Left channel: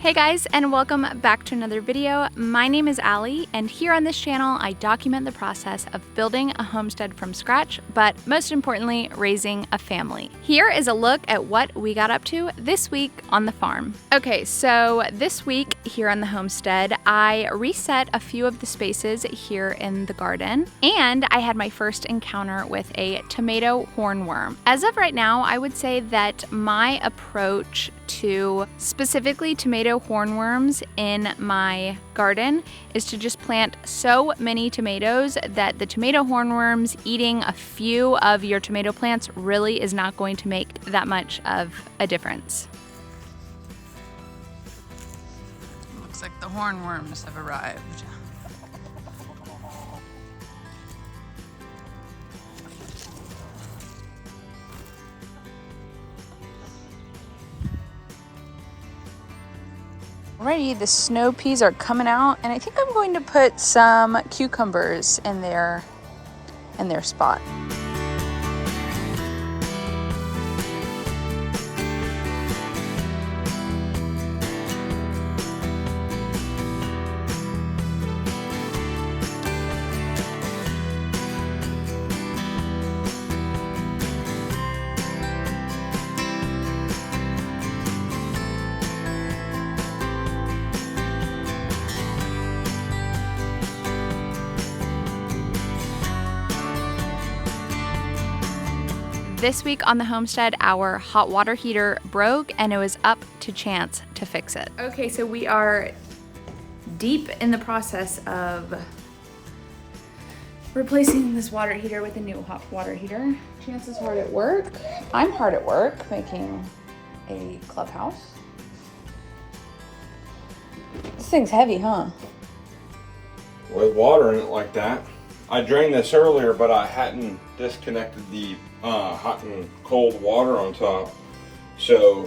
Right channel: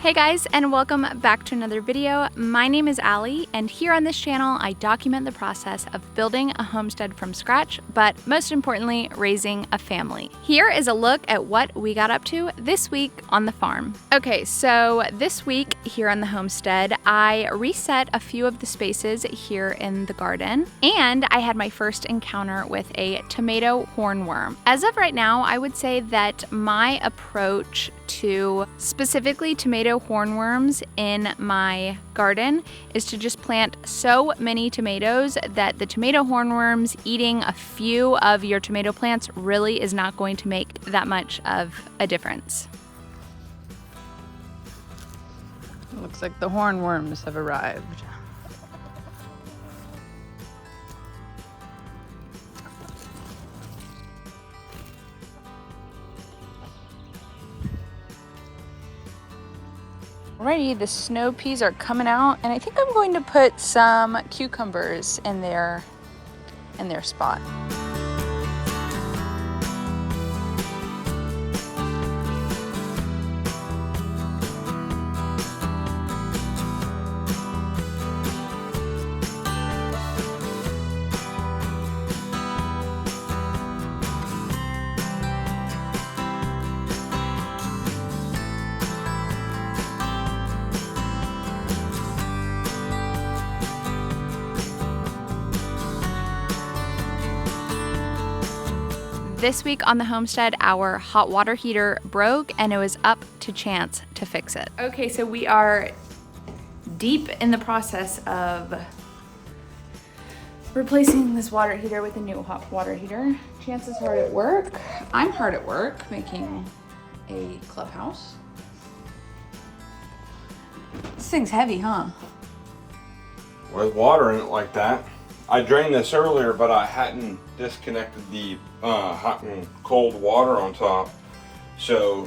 Hey guys, and welcome back to another video. My name is Allie, and here on this channel I document the process of building a homestead from scratch, but most importantly, raising a family. Here is a look at what we got up to this week on the farm. Okay, so this week here on the homestead, I reset a few of the spaces here in the garden, and I had my first encounter with a tomato hornworm. As of right now, I would say that my approach to specifically tomato hornworms in my garden is to just plant so many tomatoes that the tomato hornworms eating a few of your tomato plants really is not going to make that much of a difference. Looks like the hornworms have arrived. Alrighty, the snow peas are coming out, and I think I'm going to put some cucumbers in their spot. This week on the homestead, our hot water heater broke and it was up to Chance to fix it. Okay, so we are deep in the process of replacing this water heater with a new hot water heater. Chance is hard at work. I'm hard at work making a clubhouse. This thing's heavy, huh? With water in it like that. I drained this earlier, but I hadn't disconnected the hot and cold water on top, so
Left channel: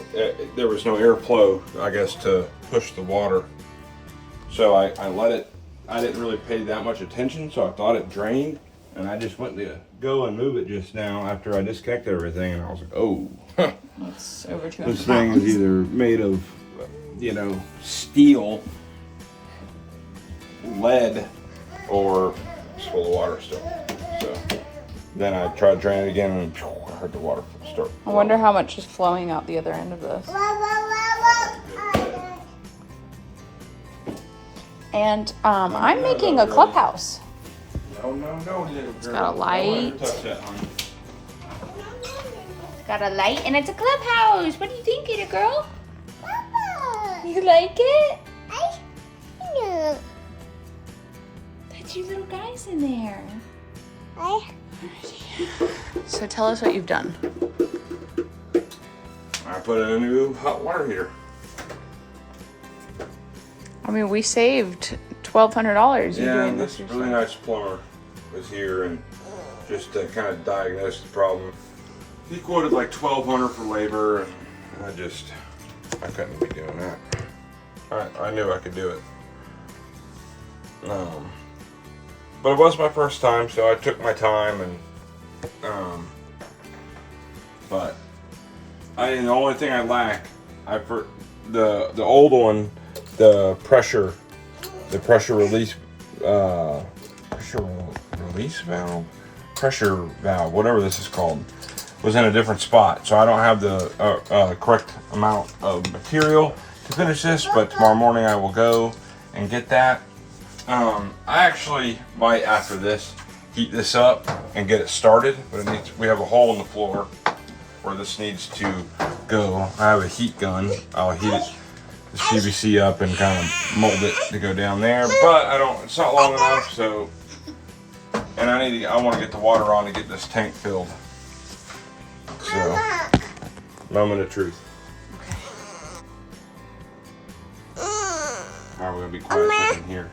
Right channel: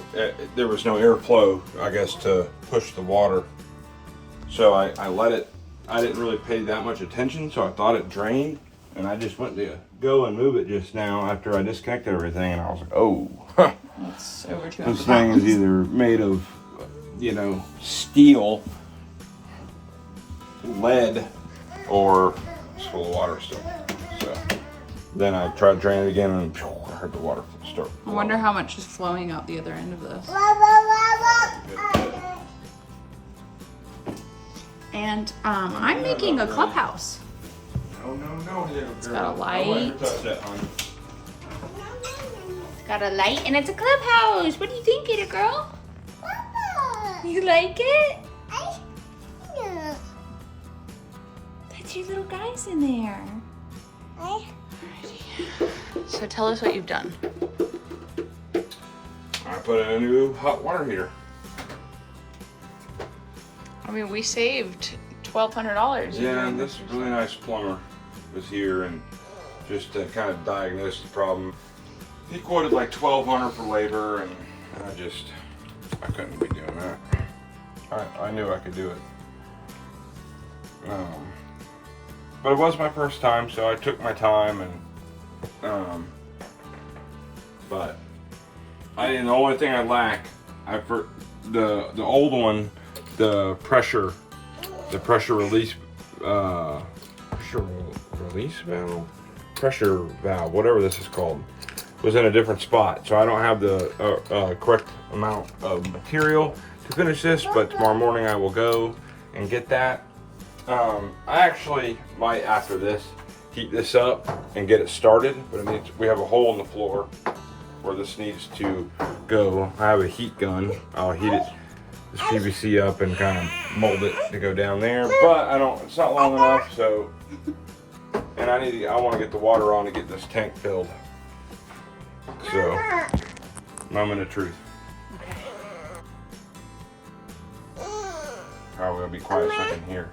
there was no airflow, I guess, to push the water. So I let it. I didn't really pay that much attention, so I thought it drained, and I just went to go and move it just now after I disconnected everything, and I was like, oh, That's over 200 this thing is either made of, steel, lead, or full of water still. So then I tried to drain it again, and I heard the water start. I wonder how much is flowing out the other end of this. And I'm making a clubhouse. No. It's got a light. Got a light and it's a clubhouse. What do you think, little girl? You like it? Put your little guys in there. So tell us what you've done. I put in a new hot water heater. I mean, we saved $1,200. Yeah, and this really nice plumber was here and just to kind of diagnose the problem. He quoted like $1,200 for labor, and I couldn't be doing that. I knew I could do it. But it was my first time, so I took my time, and but the only thing I lack, the old one, the pressure release valve, whatever this is called, was in a different spot, so I don't have the correct amount of material to finish this. But tomorrow morning I will go and get that. I actually might, after this, heat this up and get it started, but we have a hole in the floor where this needs to go. I have a heat gun. I'll heat this PVC up and kind of mold it to go down there, but it's not long enough, so, and I want to get the water on to get this tank filled. So, moment of truth. Okay. Alright, we're gonna be quiet a second here.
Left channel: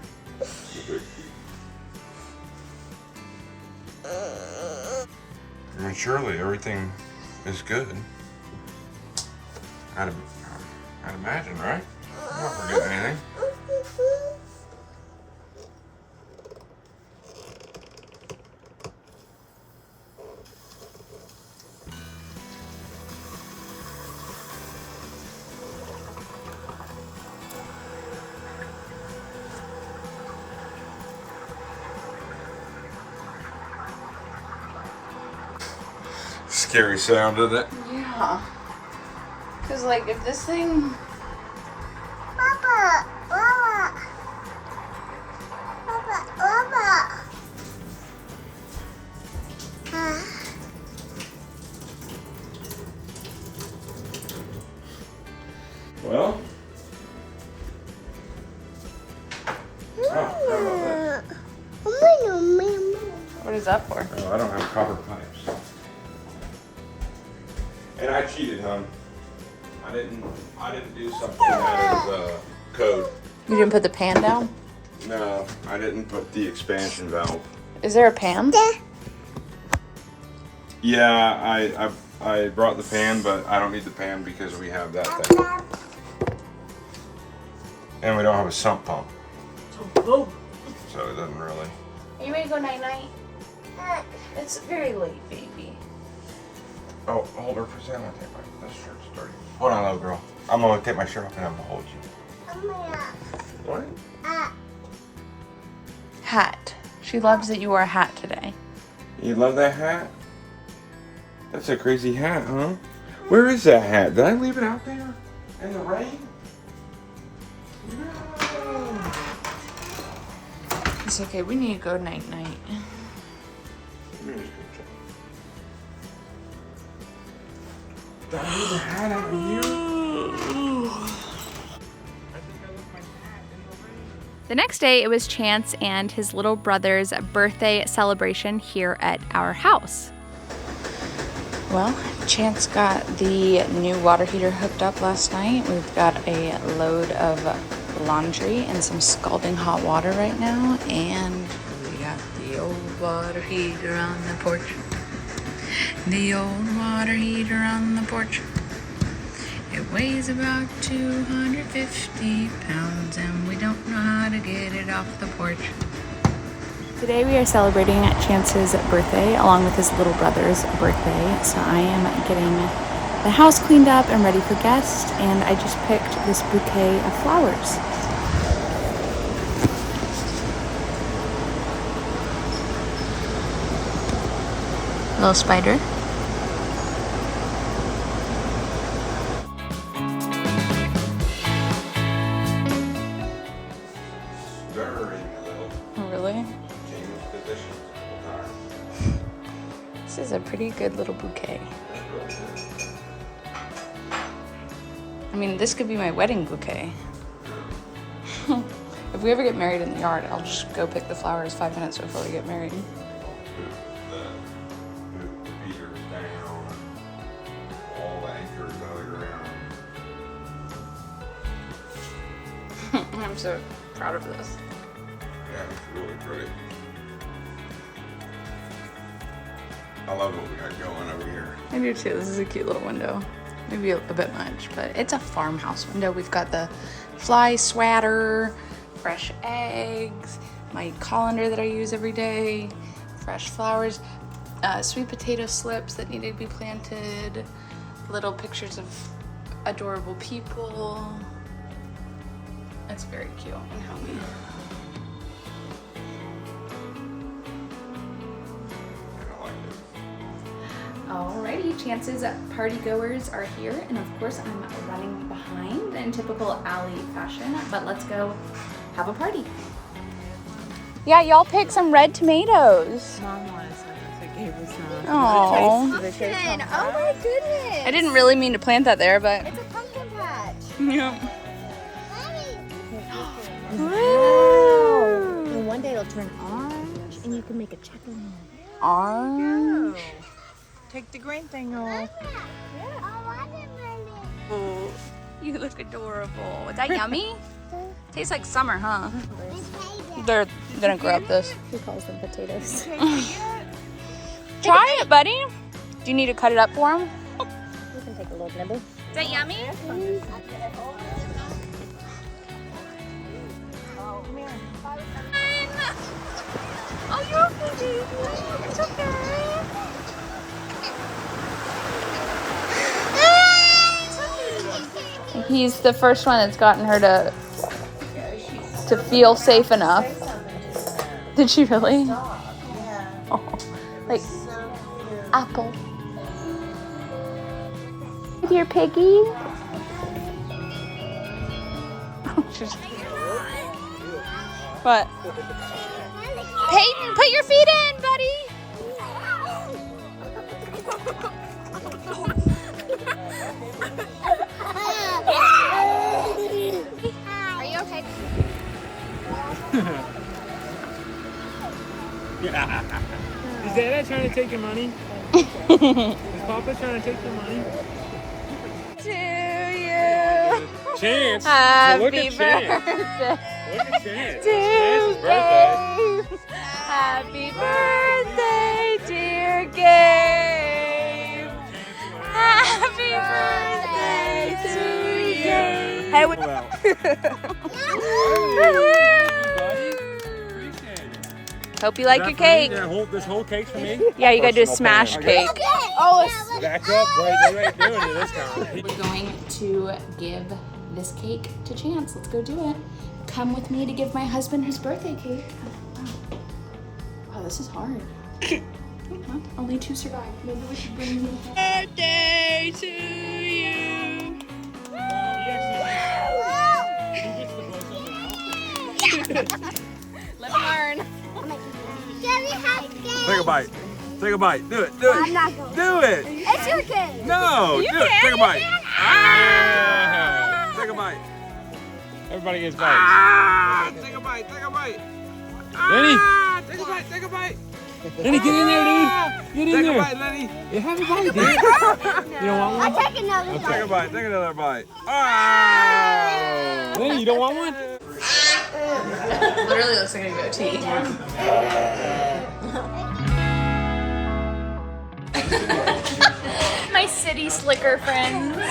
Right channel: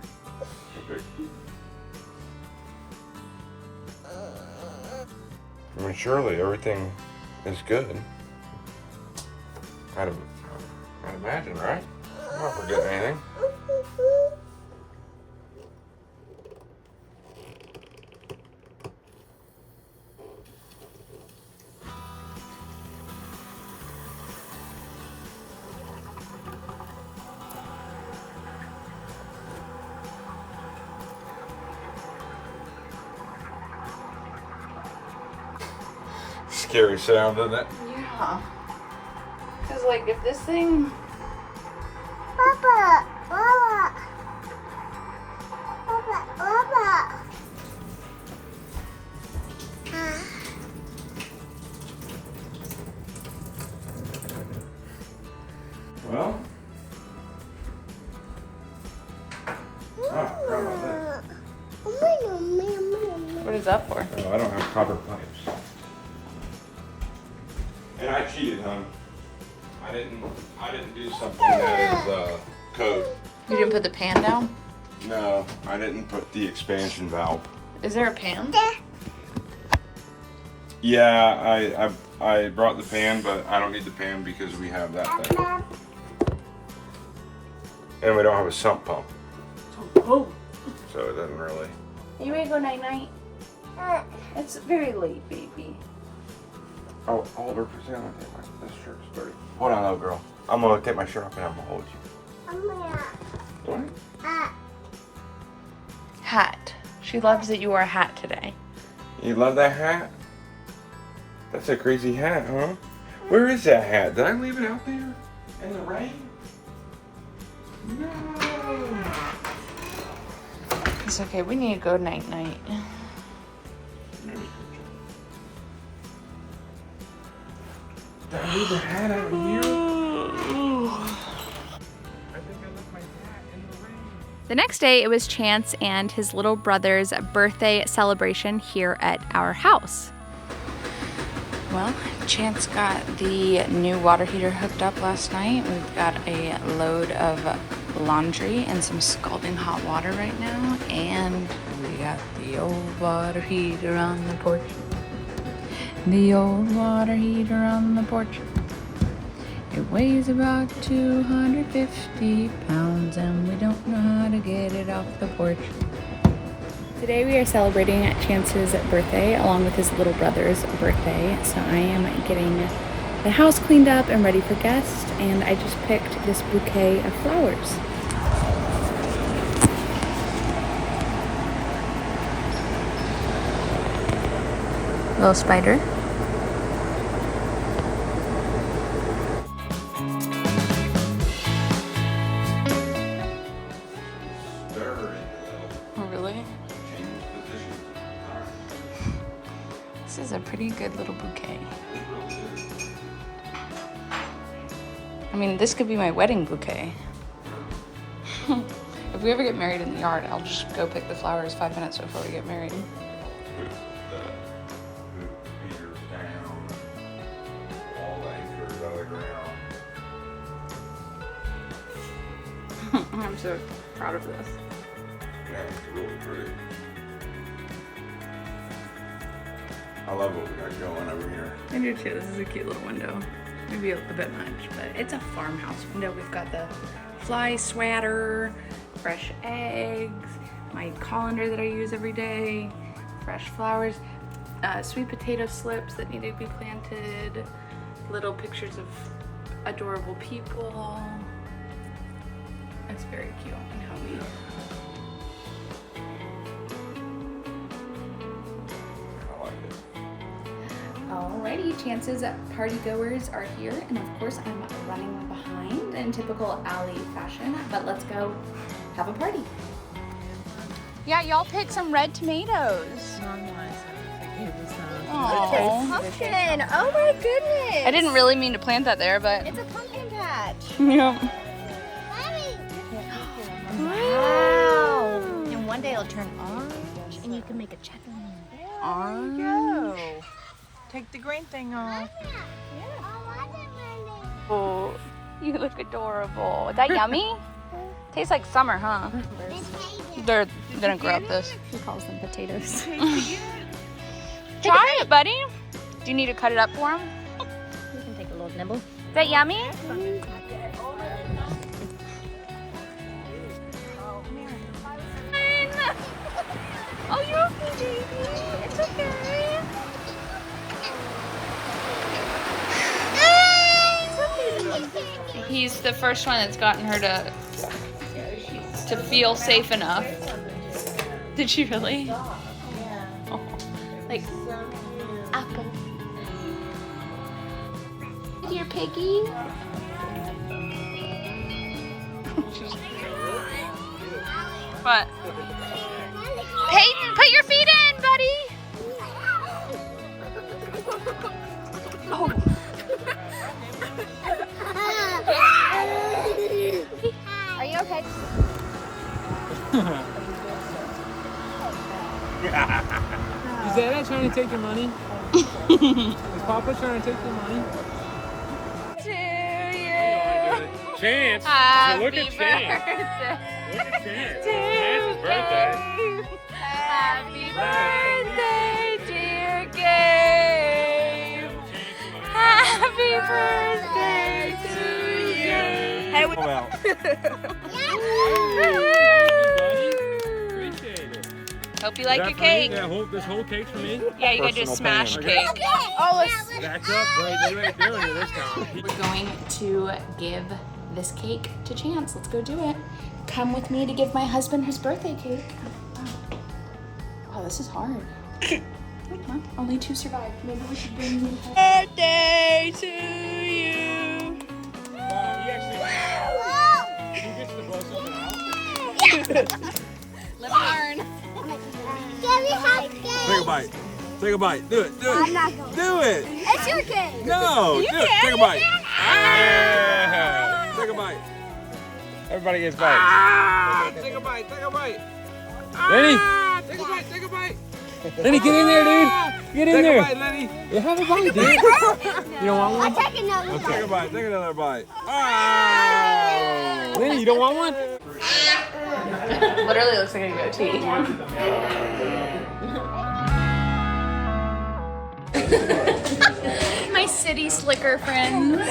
I mean, surely everything is good. I'd imagine, right? I'm not forgetting anything. scary sound, isn't it? Yeah. Because, like, if this thing... Well. What is that for? Oh, I don't have copper pipes. And I cheated, hon. I didn't do something that is code. You didn't put the pan down? No, I didn't put the expansion valve. Is there a pan? Yeah, I brought the pan, but I don't need the pan because we have that thing. And we don't have a sump pump. So it doesn't really. Are you ready to go night-night? It's very late, baby. Oh, hold her for a second. I'm gonna take this shirt's dirty. Hold on, little girl. I'm gonna take my shirt off and I'm gonna hold you. What? Hat. She loves that you wore a hat today. You love that hat? That's a crazy hat, huh? Where is that hat? Did I leave it out there in the rain? No. It's okay. We need to go night-night. Did I leave the hat out here? The next day, it was Chance and his little brother's birthday celebration here at our house. Well, Chance got the new water heater hooked up last night. We've got a load of laundry and some scalding hot water right now. And we got the old water heater on the porch. The old water heater on the porch. It weighs about 250 pounds and we don't know how to get it off the porch. Today we are celebrating Chance's birthday along with his little brother's birthday. So I am getting the house cleaned up and ready for guests, and I just picked this bouquet of flowers. Little spider. Really? This is a pretty good little bouquet. I mean, this could be my wedding bouquet. If we ever get married in the yard, I'll just go pick the flowers 5 minutes before we get married. I'm so proud of this. Yeah, it's really pretty. I love what we got going over here. I do too. This is a cute little window. Maybe a bit much, but it's a farmhouse window. We've got the fly swatter, fresh eggs, my colander that I use every day, fresh flowers, sweet potato slips that need to be planted, little pictures of adorable people. It's very cute and healthy. Alrighty, Chance's party goers are here, and of course I'm running behind in typical Allie fashion, but let's go have a party. Yeah, y'all pick some red tomatoes. Oh, Pumpkin! Oh my goodness! I didn't really mean to plant that there, but It's a pumpkin patch. yeah. Wow! And one day it'll turn orange, and you can make a chocolate. Orange. Take the green thing off. Oh, you look adorable. Is that yummy? Tastes like summer, huh? They're gonna grab this. He calls them potatoes. Try it, buddy. Do you need to cut it up for him? You can take a little nibble. Is that yummy? Oh, you're okay, baby. It's okay. He's the first one that's gotten her to feel safe enough. Did she really? Oh, like apple. dear piggy. What? Peyton, put your feet in, buddy. Are you okay? Is Dada trying to take your money? Is Papa trying to take your money? Chance! Look at Chance! Look at Chance! Chance's birthday! Happy birthday, dear Gabe! Happy birthday to Gabe! Hey, appreciate it. Hope you like your cake. Yeah, this whole cake's for me? Yeah, you gotta do a Personal smash payment. cake. Back up, right? You ain't doing it this time. We're going to give this cake to Chance. Let's go do it. Come with me to give my husband his birthday cake. Wow, this is hard. Huh? Only 2 survived. Maybe we should bring you. Birthday to you. Let me learn. Take a bite. Take a bite. Do it. Do it. I'm not going. Do it. It's your cake. No. Do it. Take a bite. Ah! Take a bite. Everybody gets bites. Ah! Take a bite. Take a bite. Lenny! Ah! Take a bite. Take a bite. Lenny, get in there, dude! Get in Take there! a bite, Lenny. Yeah, have a bite, dude! You don't want one? I'll take another Take bite. a bite. Take another bite. Ah! Lenny, you don't want one? Literally looks like a goatee. My city slicker friends.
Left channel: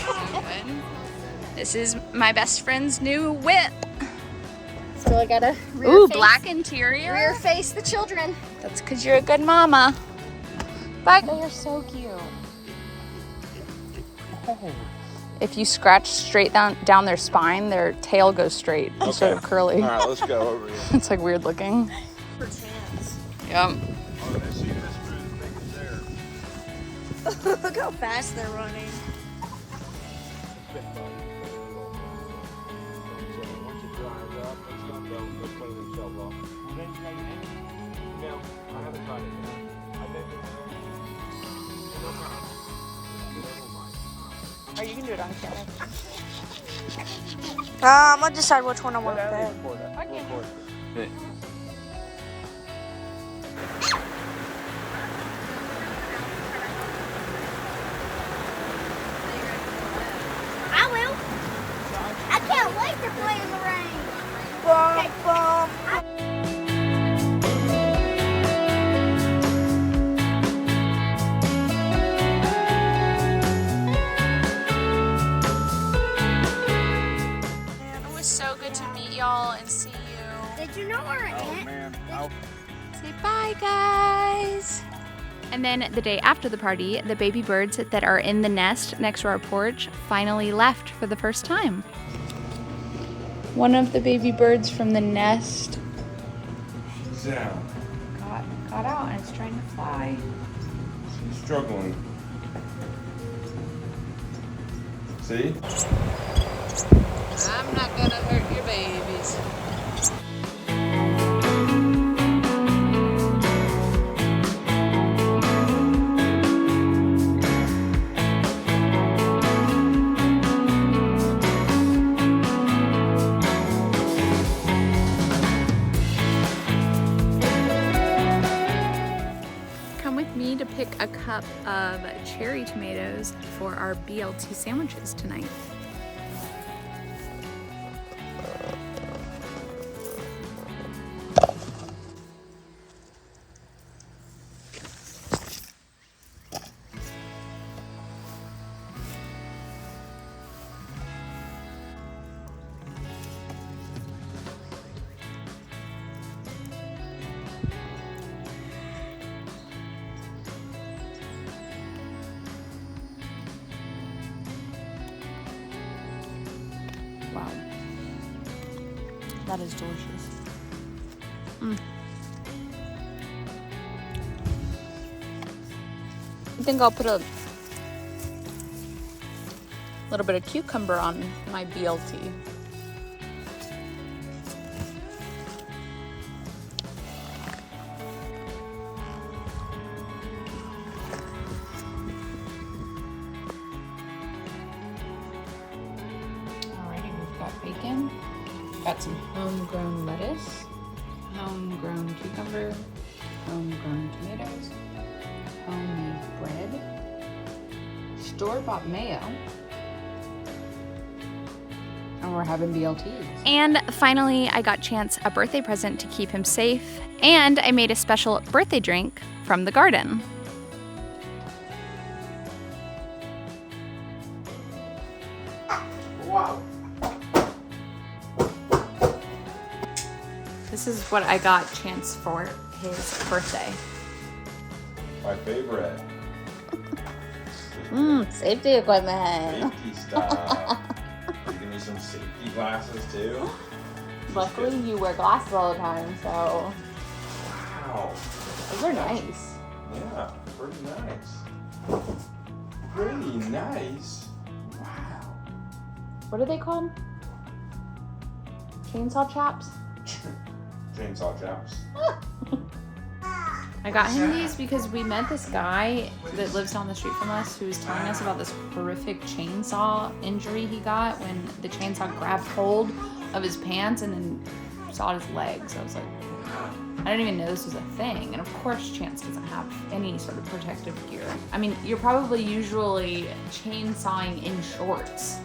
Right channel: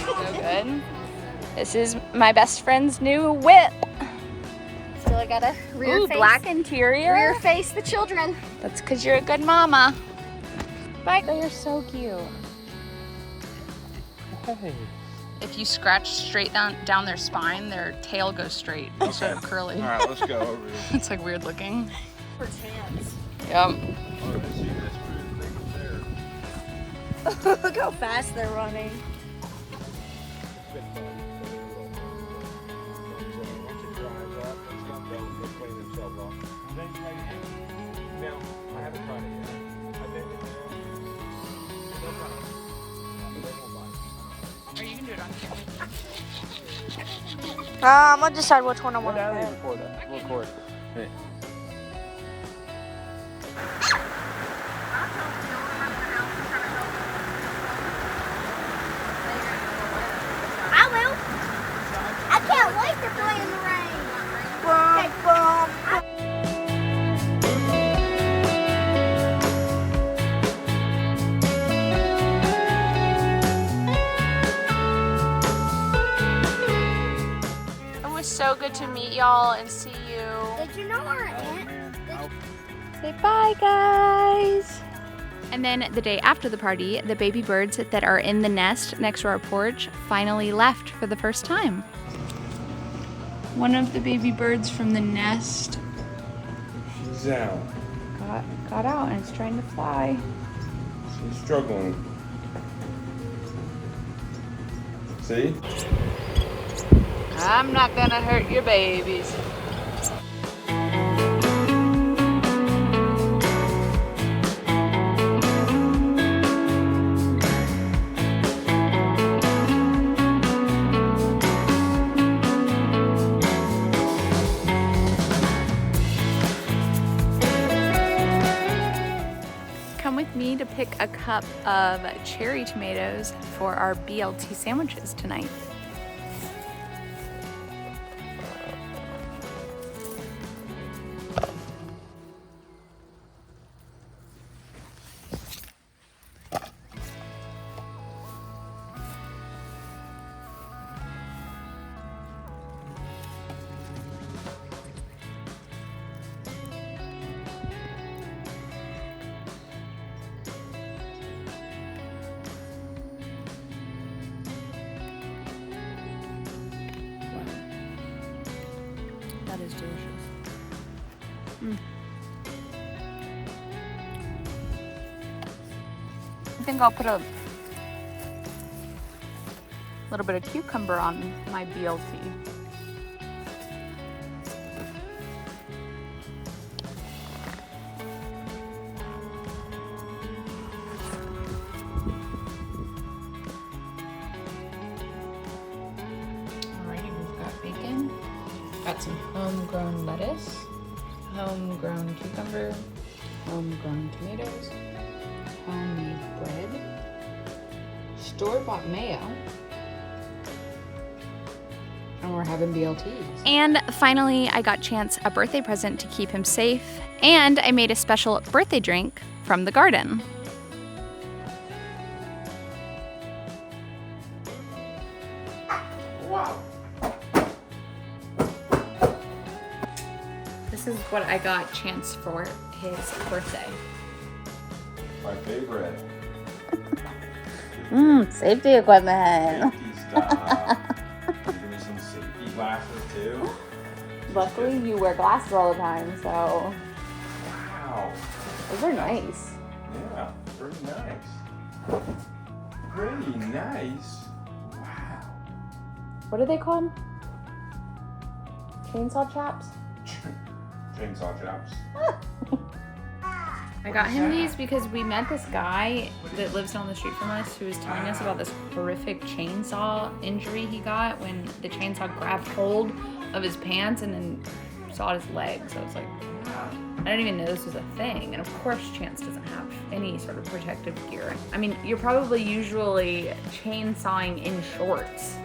So good. This is my best friend's new whip. So I gotta Ooh, black interior. rear face the children. That's because you're a good mama. But they are so cute. If you scratch straight down their spine, their tail goes straight instead of curly. All right, let's go. It's like weird looking. Yep. Look how fast they're running. Once it dries up, it's gonna go and clean themselves off. No, I haven't tried it yet. I think no problem. Oh, you can do it on camera. I'm gonna decide which one I want to pet. I will. I can't wait to play in the rain. Okay, go. It was so good to meet y'all and see you. Did you know our Oh aunt? man, Say bye, guys. And then the day after the party, the baby birds that are in the nest next to our porch finally left for the first time. One of the baby birds from the nest she's down. got out and it's trying to fly. She's struggling. See? I'm not gonna hurt your babies. Come with me to pick a cup of cherry tomatoes for our BLT sandwiches tonight. That is delicious. I think I'll put a A little bit of cucumber on my BLT. Alrighty, we've got bacon, got some homegrown lettuce, homegrown cucumber, homegrown tomatoes, homemade bread, store-bought mayo, and we're having BLTs. And finally, I got Chance a birthday present to keep him safe, and I made a special birthday drink from the garden. Wow. This is what I got Chance for his birthday. My favorite. Safety equipment. Safety stuff. Give me some safety glasses too. Luckily, you wear glasses all the time, so Wow. those are nice. Yeah, pretty nice. Pretty nice. Wow. What are they called? Chainsaw chaps? Chainsaw chaps. I got him these because we met this guy that lives down the street from us who was telling us about this horrific chainsaw injury he got when the chainsaw grabbed hold of his pants and then sawed his legs. I was like, I didn't even know this was a thing. And of course, Chance doesn't have any sort of protective gear. I mean, you're probably usually chainsawing in shorts.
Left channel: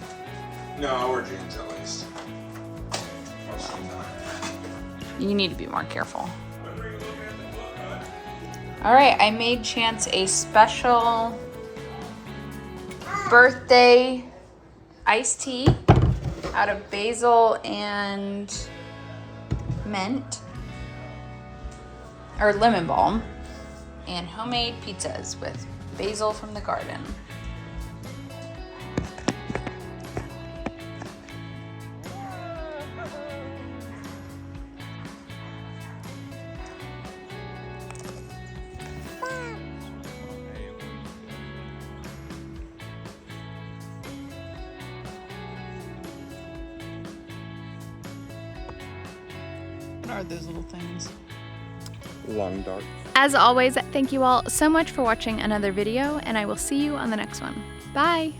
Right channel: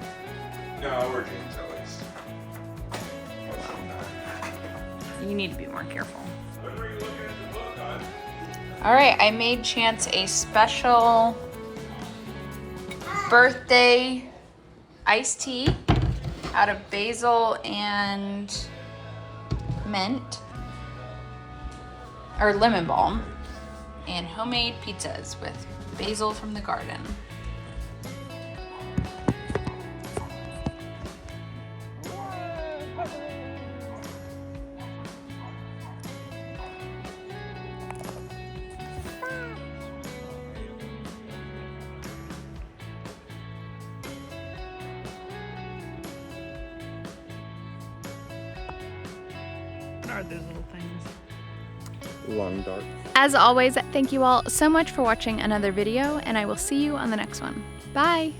No, we're chainsaw lace. You need to be more careful. All right, I made Chance a special birthday iced tea out of basil and mint, or lemon balm, and homemade pizzas with basil from the garden. What are those little things? Long dark. As always, thank you all so much for watching another video, and I will see you on the next one. Bye!